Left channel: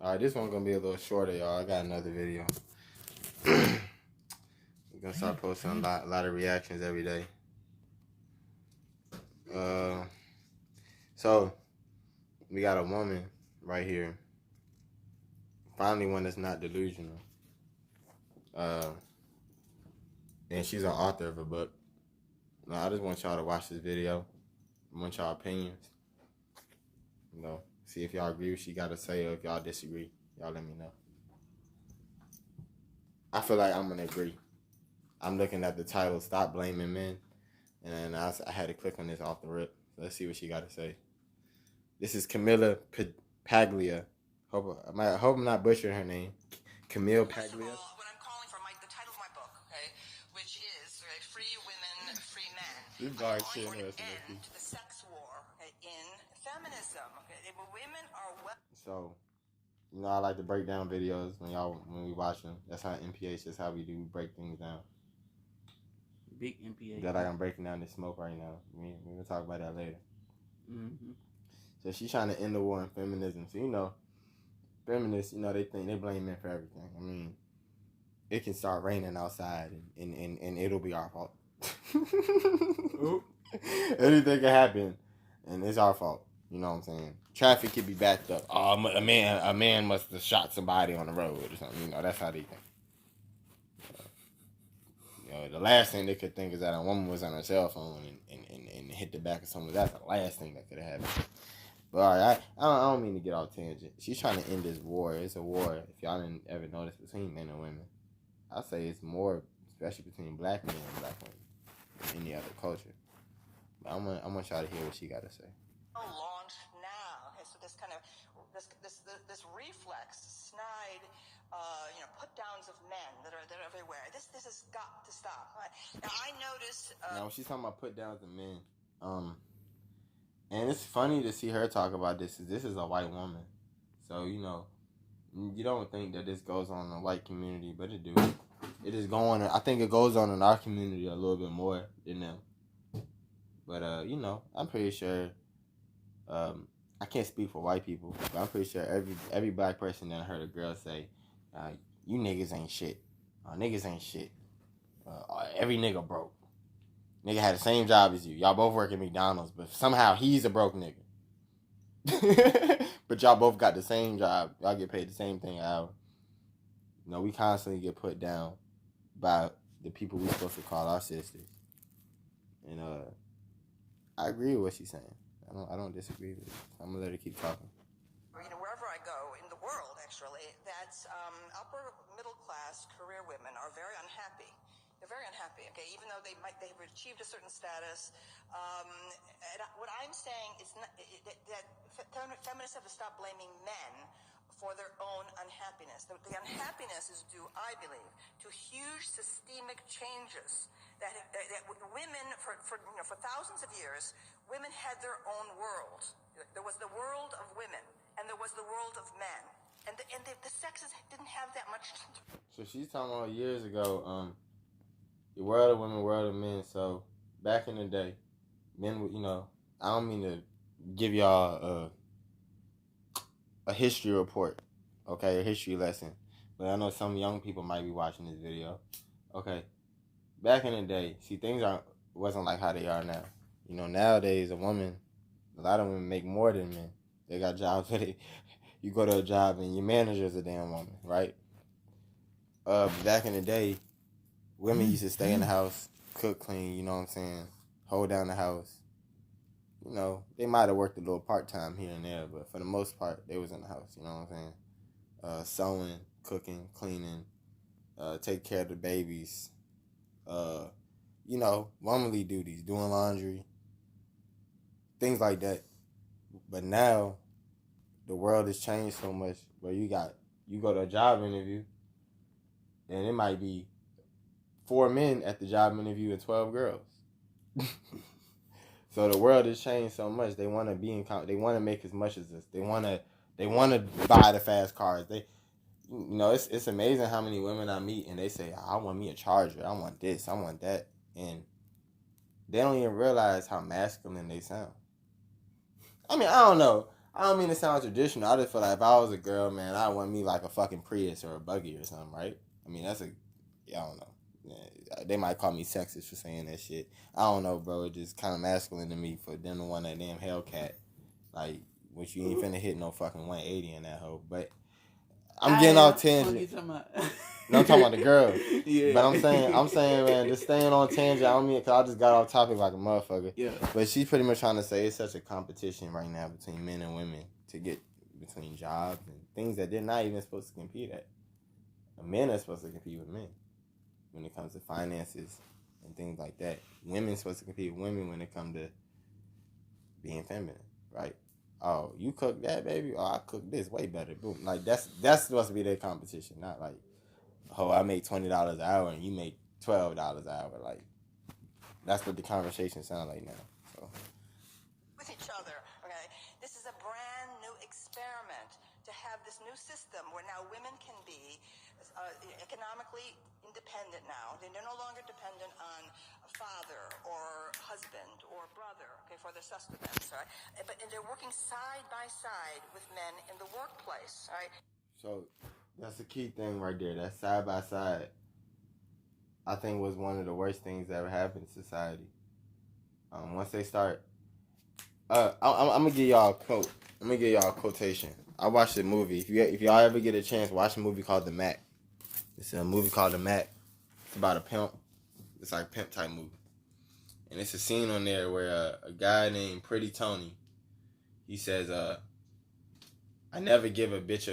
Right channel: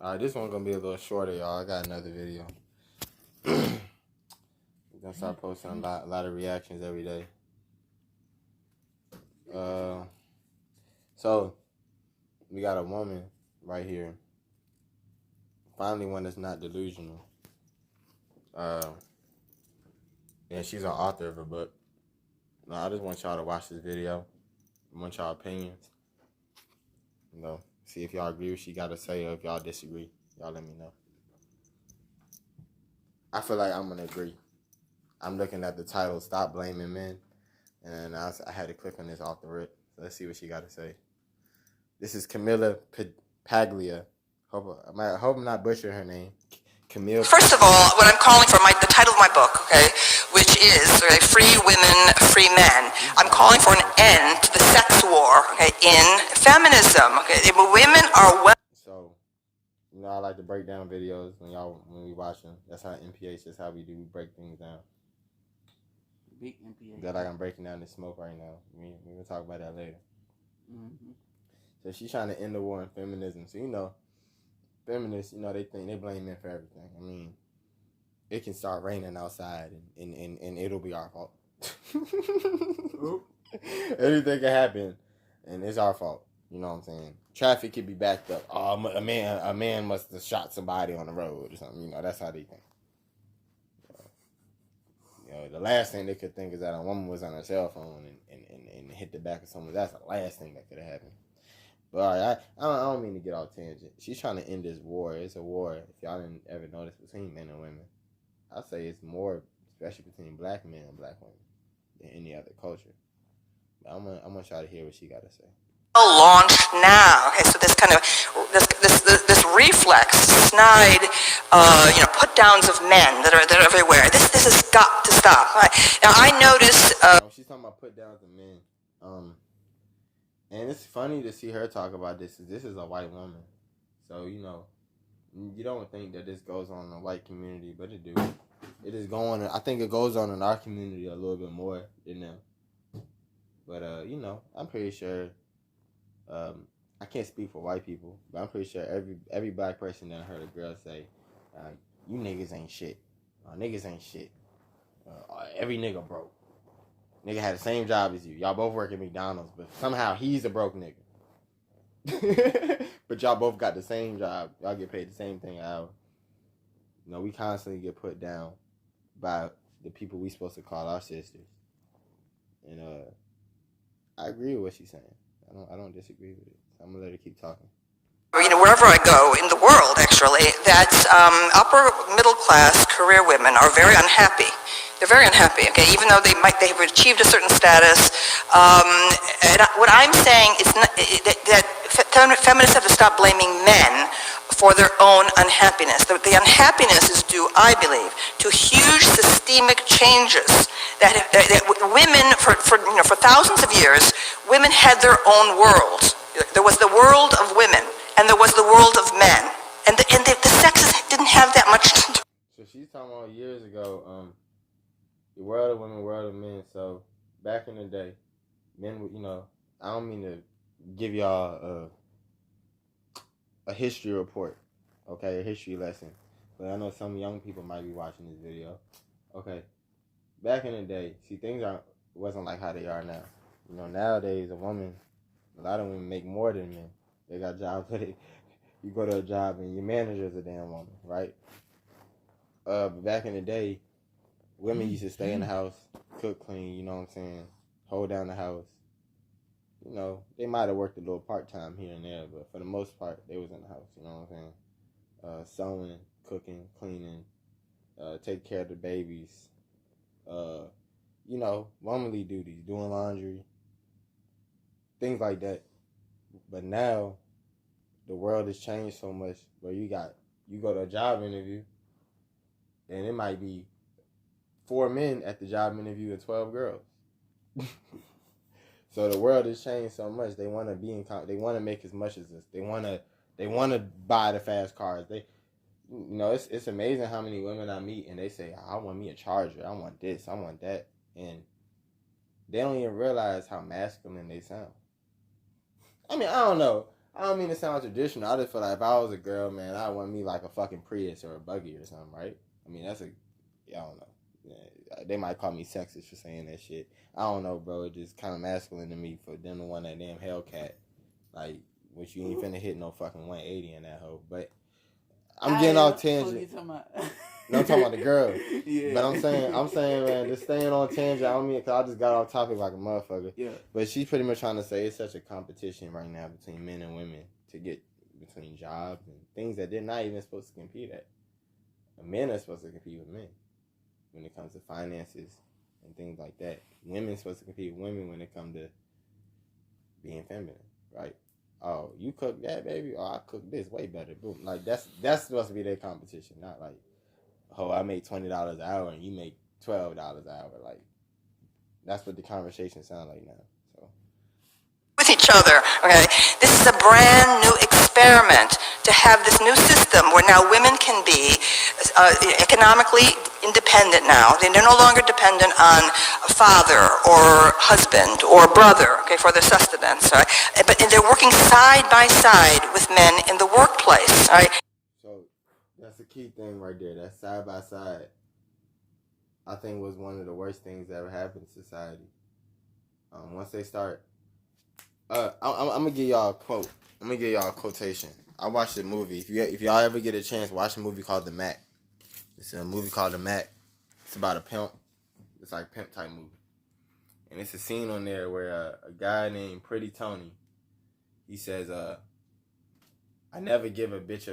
Alright, this one's gonna be a little shorter, y'all. I got another video. We're gonna start posting a lot of reactions every day. So we got a woman right here. Finally, one that's not delusional. And she's an author of a book. Now, I just want y'all to watch this video. I want y'all opinions. You know, see if y'all agree with what she got to say, or if y'all disagree. Y'all let me know. I feel like I'm gonna agree. I'm looking at the title, "Stop Blaming Men," and I had to click on this off the rip. So let's see what she got to say. This is Ms.Paglia. Hope I'm not butchering her name. Camille. First of all, what I'm calling for, the title of my book, okay, which is Free Women, Free Men. I'm calling for an end to the sex war, okay, in feminism. Okay, women are well. So, you know, I like to break down videos when we watch them. That's how MPH. That's how we do. We break things down. Big MPH. That like I'm breaking down this smoke right now. We're gonna talk about that later. Mm-hmm. So she's trying to end the war in feminism. So, you know, feminists, you know, they blame men for everything. I mean, it can start raining outside and it'll be our fault. Anything can happen and it's our fault. You know what I'm saying? Traffic could be backed up. Oh, a man must have shot somebody on the road or something. You know, that's how they think. You know, the last thing they could think is that a woman was on her cell phone and hit the back of someone. That's the last thing that could have happened. But all right, I don't mean to get off tangent. She's trying to end this war. It's a war, if y'all didn't ever notice, between men and women. I'll say it's more, especially between black men and black women, than any other culture. But I'm gonna try to hear what she got to say. Launched now. Okay, so this kind of this reflex, snide, put downs of men that are everywhere. This has got to stop. Right? Now I notice. She's talking about put downs of men. And it's funny to see her talk about this. This is a white woman, so you know, you don't think that this goes on in the white community, but it do. It is going. I think it goes on in our community a little bit more than them. But you know, I'm pretty sure. I can't speak for white people, but I'm pretty sure every black person that heard a girl say, "You niggas ain't shit. Niggas ain't shit. Every nigga broke. Nigga had the same job as you. Y'all both work at McDonald's, but somehow he's a broke nigga. But y'all both got the same job. Y'all get paid the same thing an hour. You know, we constantly get put down by the people we supposed to call our sisters. And I agree with what she's saying. I don't disagree with it. I'm gonna let her keep talking. You know, wherever I go in the world, actually, that upper middle class career women are very unhappy. They're very unhappy. Okay, even though they've achieved a certain status. And what I'm saying is that feminists have to stop blaming men for their own unhappiness. The unhappiness is due, I believe, to huge systemic changes that women, for thousands of years, women had their own world. There was the world of women, and there was the world of men, and the sexes didn't have that much to do. So she's talking about years ago, the world of women, world of men. So back in the day, men, you know, I don't mean to give y'all a history report, okay, a history lesson, but I know some young people might be watching this video. Okay, back in the day, see, things wasn't like how they are now. You know, nowadays a lot of women make more than men. They got jobs where you go to a job and your manager's a damn woman, right? Back in the day, women used to stay in the house, cook, clean, you know what I'm saying, hold down the house. You know, they might have worked a little part-time here and there, but for the most part, they was in the house, you know what I'm saying? Sewing, cooking, cleaning, take care of the babies, you know, womanly duties, doing laundry, things like that. But now, the world has changed so much where you go to a job interview, and it might be 4 men at the job interview and 12 girls. So the world has changed so much. They want to they want to make as much as this. They want to buy the fast cars. You know, it's amazing how many women I meet and they say, I want me a Charger. I want this. I want that. And they don't even realize how masculine they sound. I mean, I don't know. I don't mean to sound traditional. I just feel like if I was a girl, man, I want me like a fucking Prius or a buggy or something, right? I mean, I don't know. Yeah, they might call me sexist for saying that shit. I don't know, bro. It's just kind of masculine to me for them to want that damn Hellcat. Like, which you ain't finna hit no fucking 180 in that hoe. But I'm getting off tangent. No, I'm talking about the girl. Yeah. But I'm saying, man, just staying on tangent. I don't mean, cause I just got off topic like a motherfucker. Yeah. But she's pretty much trying to say it's such a competition right now between men and women to get between jobs and things that they're not even supposed to compete at. Men are supposed to compete with men when it comes to finances and things like that. Women are supposed to compete with women when it comes to being feminine, right? Oh, you cook that, baby? Oh, I cook this way better. Boom. Like, that's supposed to be their competition, not like, oh, I make $20 an hour and you make $12 an hour. Like, that's what the conversation sounds like now. So. With each other, okay? This is a brand new experiment to have this new system where now women can be economically independent now. They're no longer dependent on a father or husband or brother, okay, for their sustenance, right? But they're working side by side with men in the workplace, right? So that's the key thing right there. That side by side, I think, was one of the worst things that ever happened to society. Once they start, I'm gonna give y'all a quote. I'm gonna give y'all a quotation. I watched a movie. If y'all ever get a chance, watch a movie called The Mac. It's a movie called The Mac. It's about a pimp. It's like a pimp type movie. And it's a scene on there where a guy named Pretty Tony, he says, I never give a bitch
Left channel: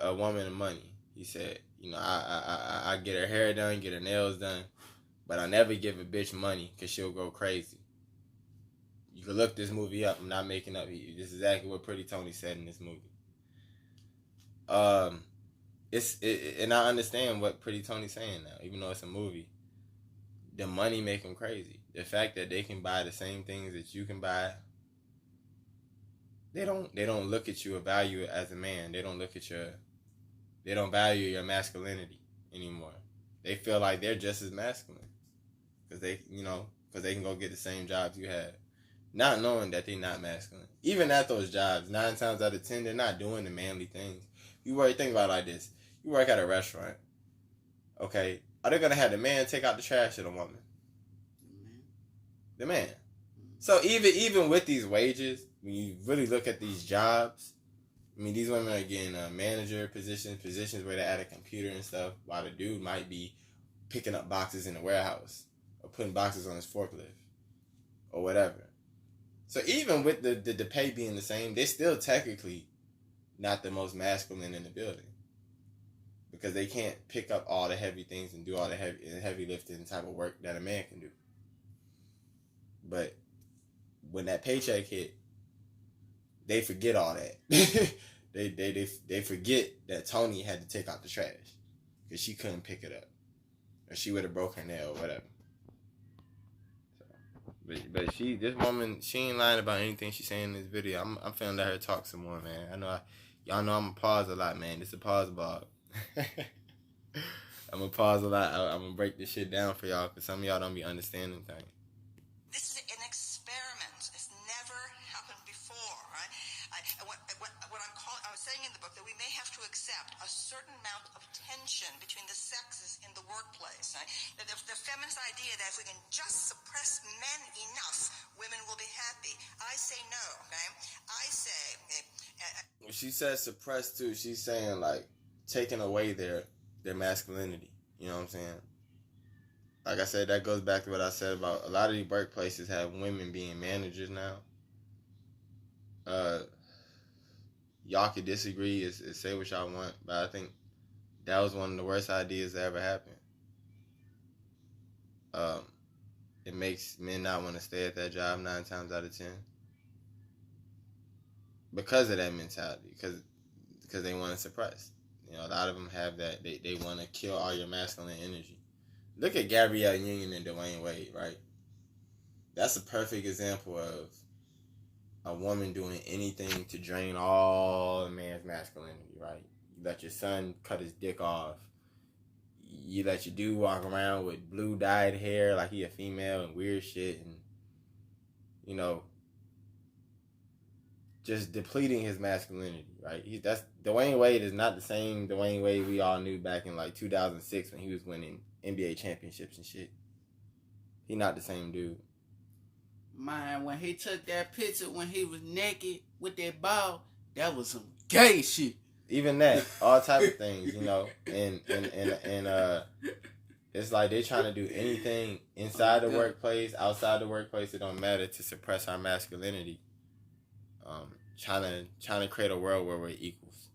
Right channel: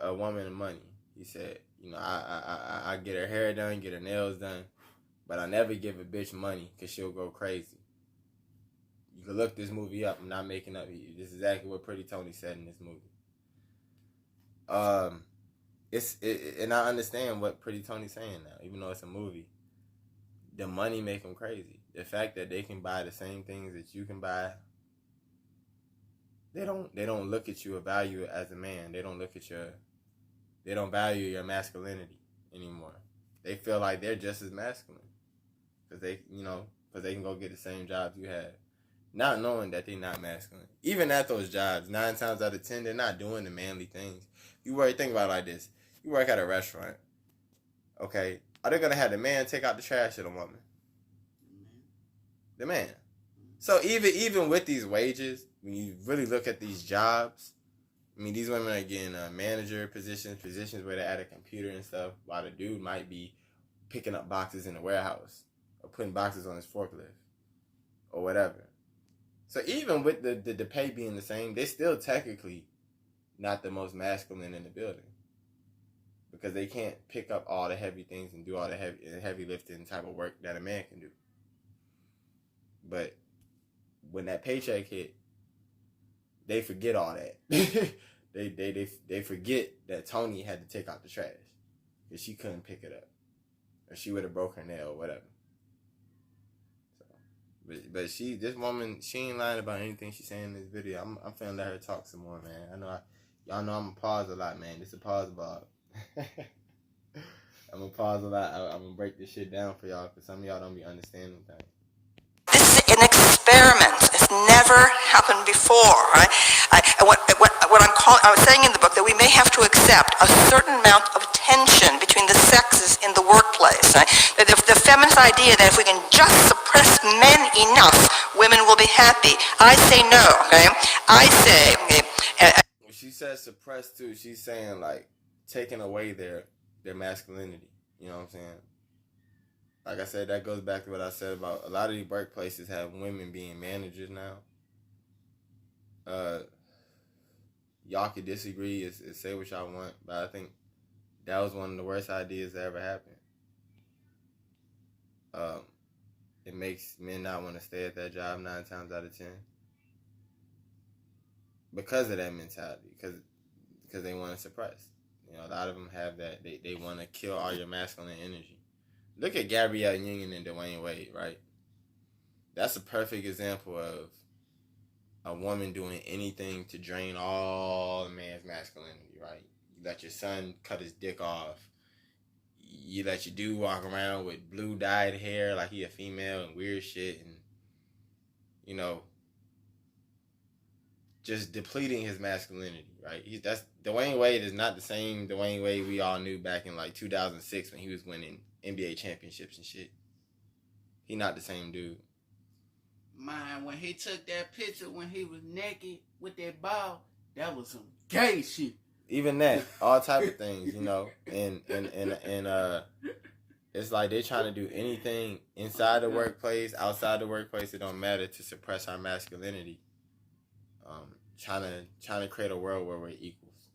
a woman money. He said, you know, I get her hair done, get her nails done, but I never give a bitch money because she'll go crazy. You can look this movie up. I'm not making up. This is exactly what Pretty Tony said in this movie. And I understand what Pretty Tony's saying now, even though it's a movie. The money make them crazy. The fact that they can buy the same things that you can buy. They don't look at you or value it as a man. They don't value your masculinity anymore. They feel like they're just as masculine because they can go get the same jobs you have, not knowing that they're not masculine. Even at those jobs, 9 times out of 10, they're not doing the manly things. Think about it like this: you work at a restaurant, okay? Are they gonna have the man take out the trash or the woman? The man. So even with these wages, when you really look at these jobs, I mean, these women are getting manager positions where they're at a computer and stuff, while the dude might be picking up boxes in the warehouse or putting boxes on his forklift or whatever. So even with the pay being the same, they're still technically not the most masculine in the building because they can't pick up all the heavy things and do all the heavy lifting type of work that a man can do. But when that paycheck hit, they forget all that. they forget that Tony had to take out the trash because she couldn't pick it up, or she would have broke her nail or whatever. So, but this woman, she ain't lying about anything she's saying in this video. I'm finna let her talk some more, man. Y'all know I'm gonna pause a lot, man. This is a pause blog. I'm gonna pause a lot. I'm gonna break this shit down for y'all because some of y'all don't be understanding things. This is an experiment. It's never happened before, right? I was saying in the book that we may have to accept a certain amount of tension between the sexes in the workplace. Right? The feminist idea that if we can just suppress men enough, women will be happy. I say no, okay? I say... Okay, when she says suppress too, she's saying like taking away their masculinity. You know what I'm saying? Like I said, that goes back to what I said about a lot of these workplaces have women being managers now. Y'all could disagree and say what y'all want, but I think that was one of the worst ideas that ever happened. It makes men not want to stay at that job 9 times out of 10 because of that mentality, because they want to suppress. You know, a lot of them have that. They want to kill all your masculine energy. Look at Gabrielle Union and Dwayne Wade, right? That's a perfect example of a woman doing anything to drain all the man's masculinity, right? You let your son cut his dick off. You let your dude walk around with blue dyed hair like he a female and weird shit, and, you know, just depleting his masculinity, right? That's Dwayne Wade is not the same Dwayne Wade we all knew back in like 2006 when he was winning NBA championships and shit. He not the same dude. Man, when he took that picture when he was naked with that ball, that was some gay shit. Even that, all type of things, you know, and it's like they trying to do anything inside the workplace, outside the workplace. It don't matter to suppress our masculinity. Trying to create a world where we're equals,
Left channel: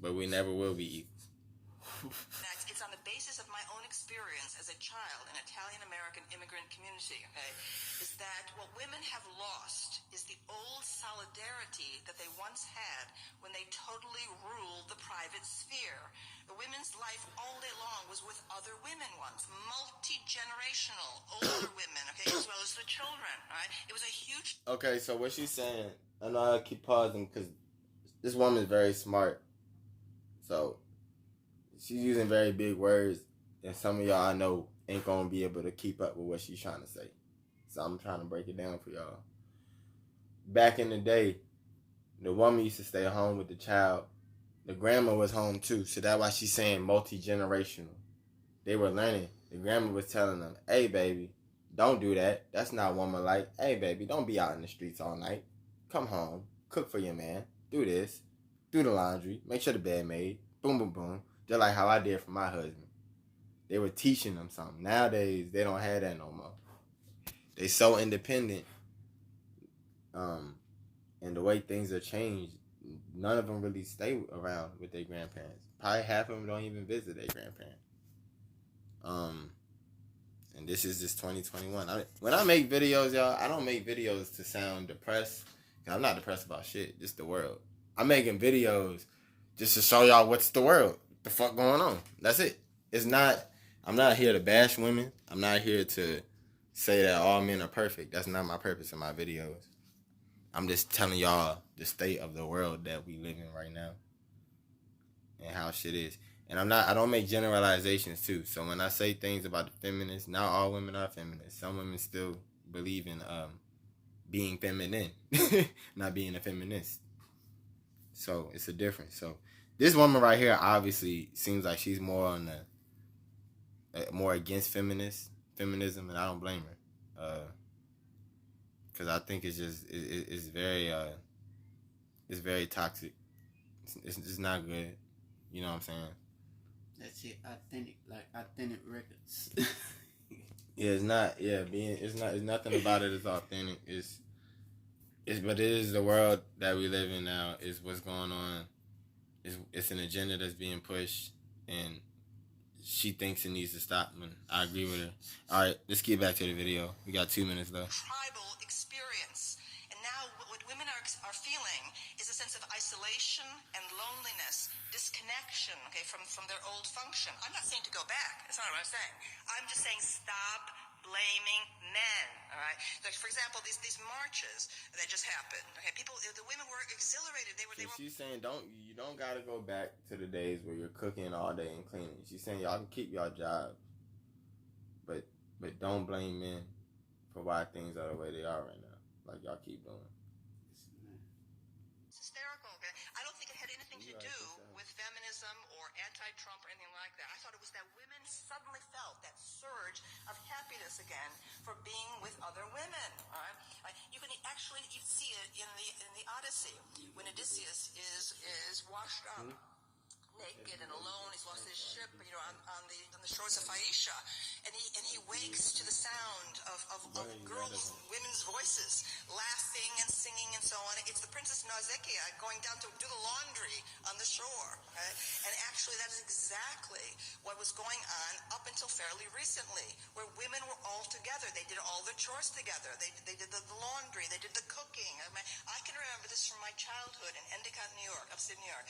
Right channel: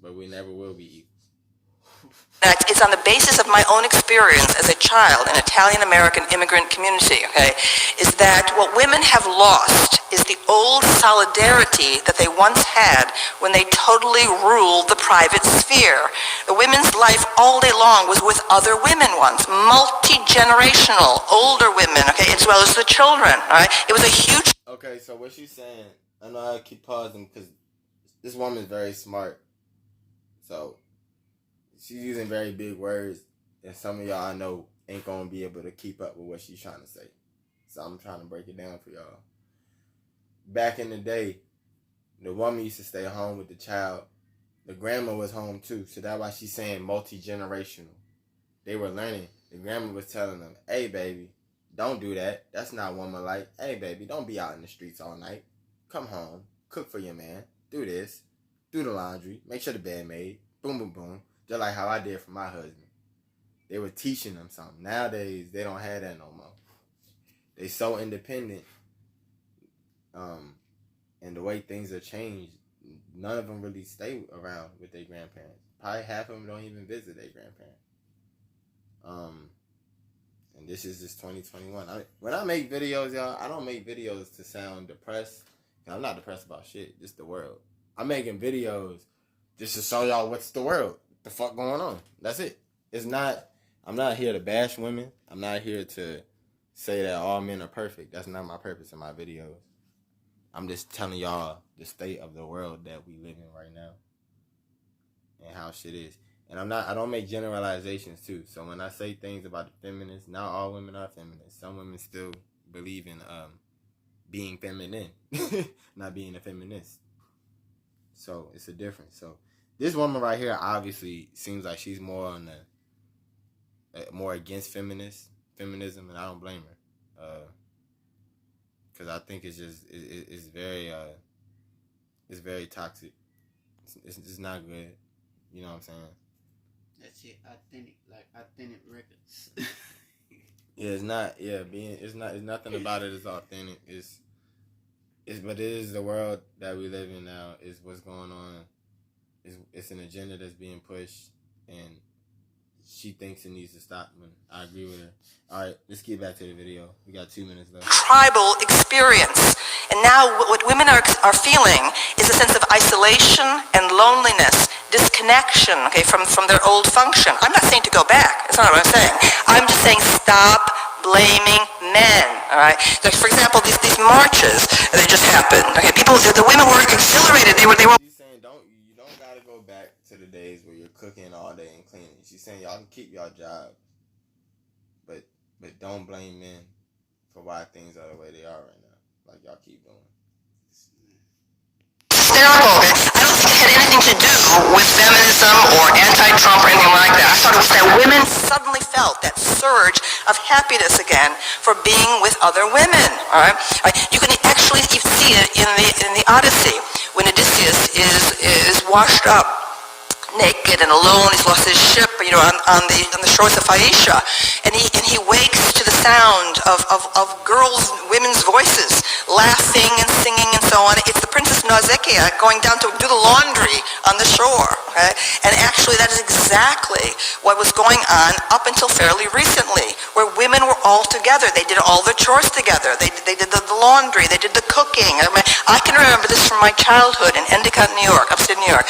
but we never will be equals. It's on the basis of my own experience as a child in Italian-American immigrant community, okay, is that what women have lost is the old solidarity that they once had when they totally ruled the private sphere. The women's life all day long was with other women once, multi-generational, older women, okay, as well as the children, all right? It was a huge... Okay, so what she's saying, I know I keep pausing because this woman is very smart, so... she's using very big words, and some of y'all I know ain't gonna be able to keep up with what she's trying to say. So I'm trying to break it down for y'all. Back in the day, the woman used to stay home with the child. The grandma was home too, so that's why she's saying multi-generational. They were learning. The grandma was telling them, hey baby, don't do that. That's not woman-like. Hey baby, don't be out in the streets all night. Come home, cook for your man, do this, do the laundry, make sure the bed made, boom, boom, boom. Just like how I did for my husband. They were teaching them something. Nowadays, they don't have that no more. They so independent. And the way things are changed, none of them really stay around with their grandparents. Probably half of them don't even visit their grandparents. And this is just 2021. When I make videos, y'all, I don't make videos to sound depressed. I'm not depressed about shit. Just the world. I'm making videos just to show y'all what's the world. The fuck going on. That's it. I'm not here to bash women. I'm not here to say that all men are perfect. That's not my purpose in my videos. I'm just telling y'all the state of the world that we live in right now and how shit is. And I don't make generalizations too. So when I say things about the feminists, not all women are feminists. Some women still believe in being feminine, not being a feminist. So it's a difference. So this woman right here obviously seems like she's more on more against feminism, and I don't blame her, because I think it's just it's very toxic. It's not good. You know what I'm saying? That's it. Authentic records. Yeah, it's not. Yeah, it's nothing about it is authentic. But it is the world that we live in now. Is what's going on. It's an agenda that's being pushed, and she thinks it needs to stop, and I agree with her. All right, let's get back to the video. We got 2 minutes left. Tribal experience. And now what women are feeling is a sense of isolation and loneliness, disconnection, okay, from their old function. I'm not saying to go back. That's not what I'm saying. I'm just saying stop blaming men, all right? Like, for example, these marches, they just happened. Okay, the women were exhilarated. They were. She's saying you don't gotta go back to the days where you're cooking all day and cleaning. She's saying y'all can keep y'all job, but don't blame men for why things are the way they are right now. Like y'all keep doing. Hysterical. I don't think it had anything to do with feminism or anti-Trump or anything like that. I thought it was that women suddenly felt that surge of happiness again for being with other women. All right, you can actually see it in the Odyssey when Odysseus is washed up naked and alone. He's lost his ship, on the shores of Phaeacia, and he wakes to the sound of women's voices, laughing and singing and so on. It's the Princess Nausicaa going down to do the laundry on the shore. Okay? And actually, that is exactly what was going on up until fairly recently, where women were all together. They did all the chores together. They did the laundry. They did the cooking. I can remember this from my childhood in Endicott, New York, upstate New York.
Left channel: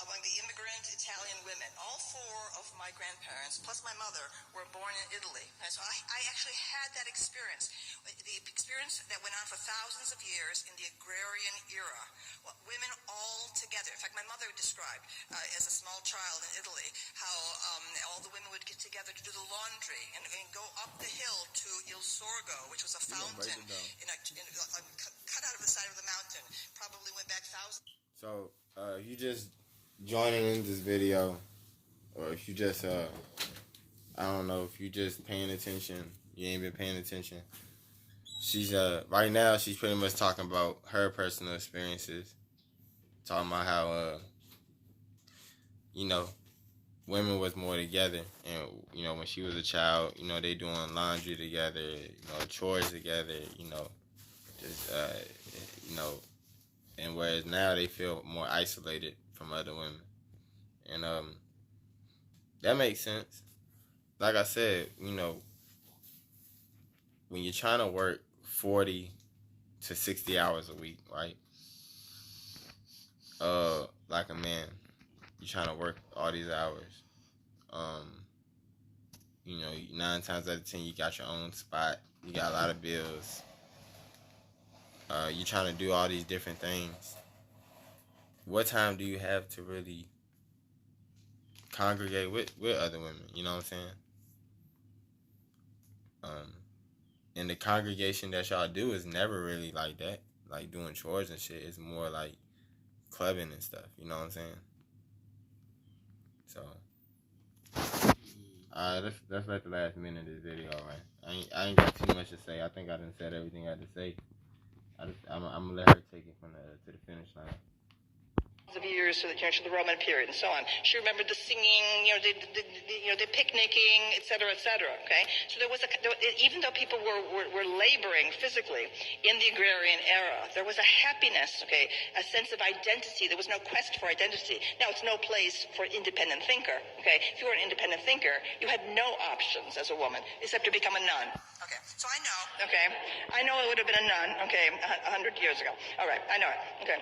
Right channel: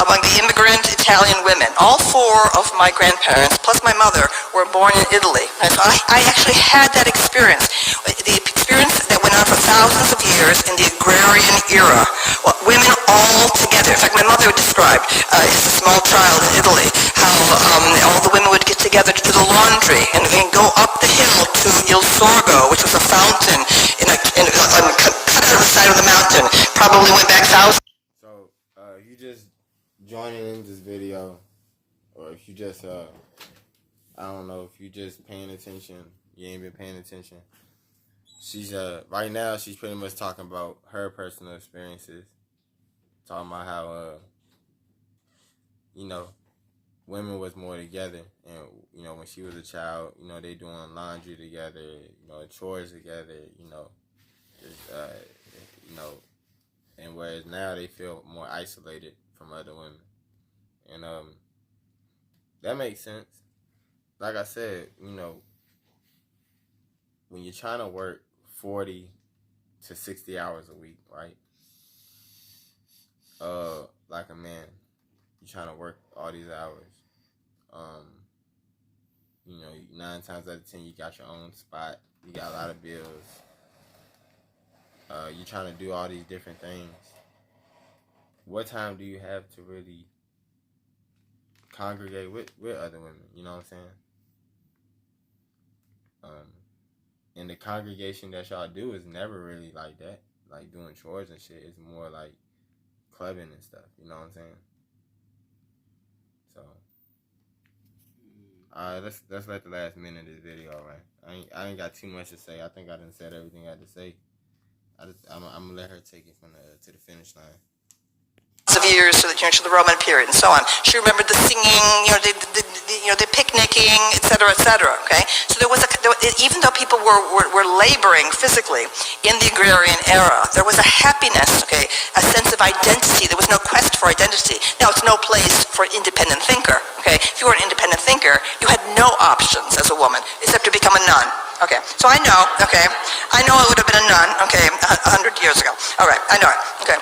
Among the immigrant Italian women, all 4 of my grandparents, plus my mother, were born in Italy. And so I actually had that experience, the experience that went on for thousands of years in the agrarian era. Well, women all together. In fact, my mother described, as a small child in Italy, how all the women would get together to do the laundry and go up the hill to Il Sorgo, which was a fountain cut out of the side of the mountain. probably went back thousands. So, if you just joining in this video, or if you just, I don't know, if you just paying attention, you ain't been paying attention. She's, right now, she's pretty much talking about her personal experiences. Talking about how, you know, women was more together. And, you know, when she was a child, you know, they doing laundry together, you know, chores together, you know, just, you know, and whereas now they feel more isolated from other women. And that makes sense. Like I said, you know, when you're trying to work 40 to 60 hours a week, right? Like a man, you're trying to work all these hours. You know, 9 times out of 10, you got your own spot. You got a lot of bills. You're trying to do all these different things. What time do you have to really congregate with other women? You know what I'm saying? And the congregation that y'all do is never really like that. Like doing chores and shit. It's more like clubbing and stuff. You know what I'm saying? So, that's like the last minute of this video, man. I ain't got too much to say. I think I done said everything I had to say. I'm gonna let her take it from to the finish line. Of years to the Roman period and so on. She remembered the singing, the picnicking, etc., etc. Okay, so even though people were laboring physically in the agrarian era, there was a happiness, okay, a sense of identity. There was no quest for identity. Now it's no place for an independent thinker. Okay, if you were an independent thinker, you had no options as a woman except to become a nun. Okay, so I know I would have been a nun. Okay, 100 years ago. All right, I know it. Okay.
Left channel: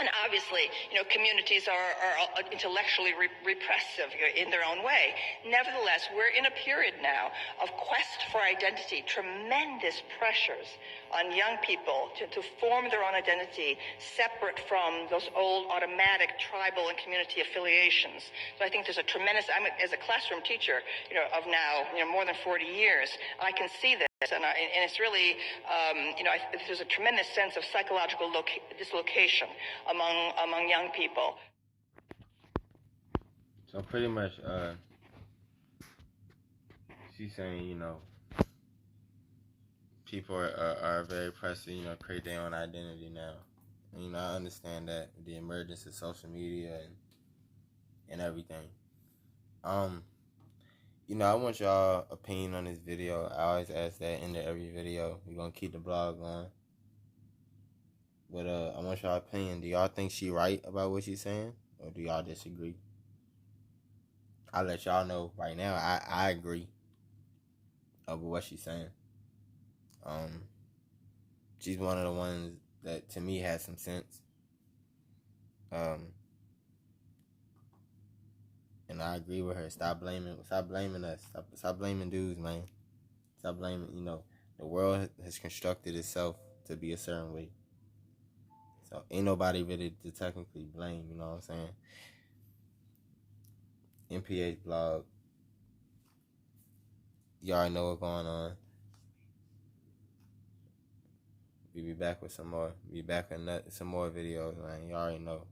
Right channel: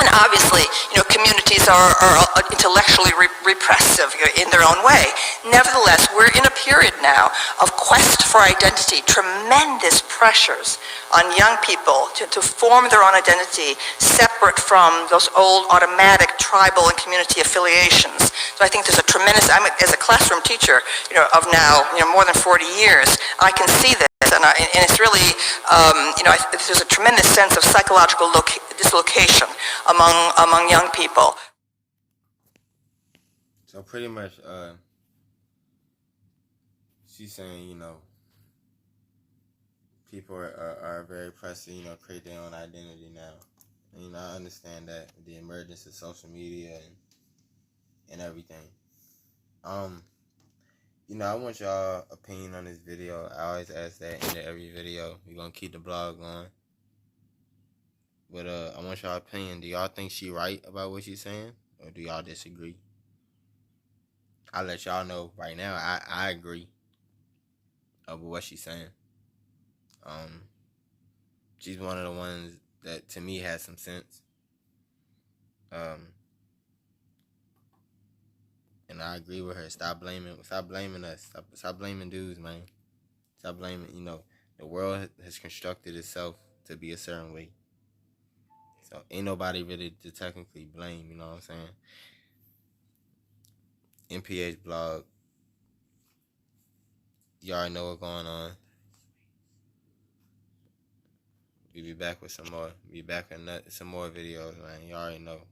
And obviously, communities are intellectually repressive in their own way. Nevertheless, we're in a period now of quest for identity, tremendous pressures on young people to form their own identity separate from those old automatic tribal and community affiliations. So I think there's a tremendous, as a classroom teacher, of now, more than 40 years, I can see this. And it's really, there's a tremendous sense of psychological dislocation among young people. So pretty much, she's saying, people are very pressed to, create their own identity now. And, I understand that with the emergence of social media and everything. I want y'all opinion on this video. I always ask that into every video. We're gonna keep the blog going. But I want y'all opinion. Do y'all think she right about what she's saying? Or do y'all disagree? I'll let y'all know right now. I agree with what she's saying. She's one of the ones that to me has some sense. And I agree with her. Stop blaming us. Stop blaming dudes, man. Stop blaming, the world has constructed itself to be a certain way. So ain't nobody really to technically blame, you know what I'm saying? MPH blog. You already know what's going on. We be back with some more. Be back with some more videos, man. You already know.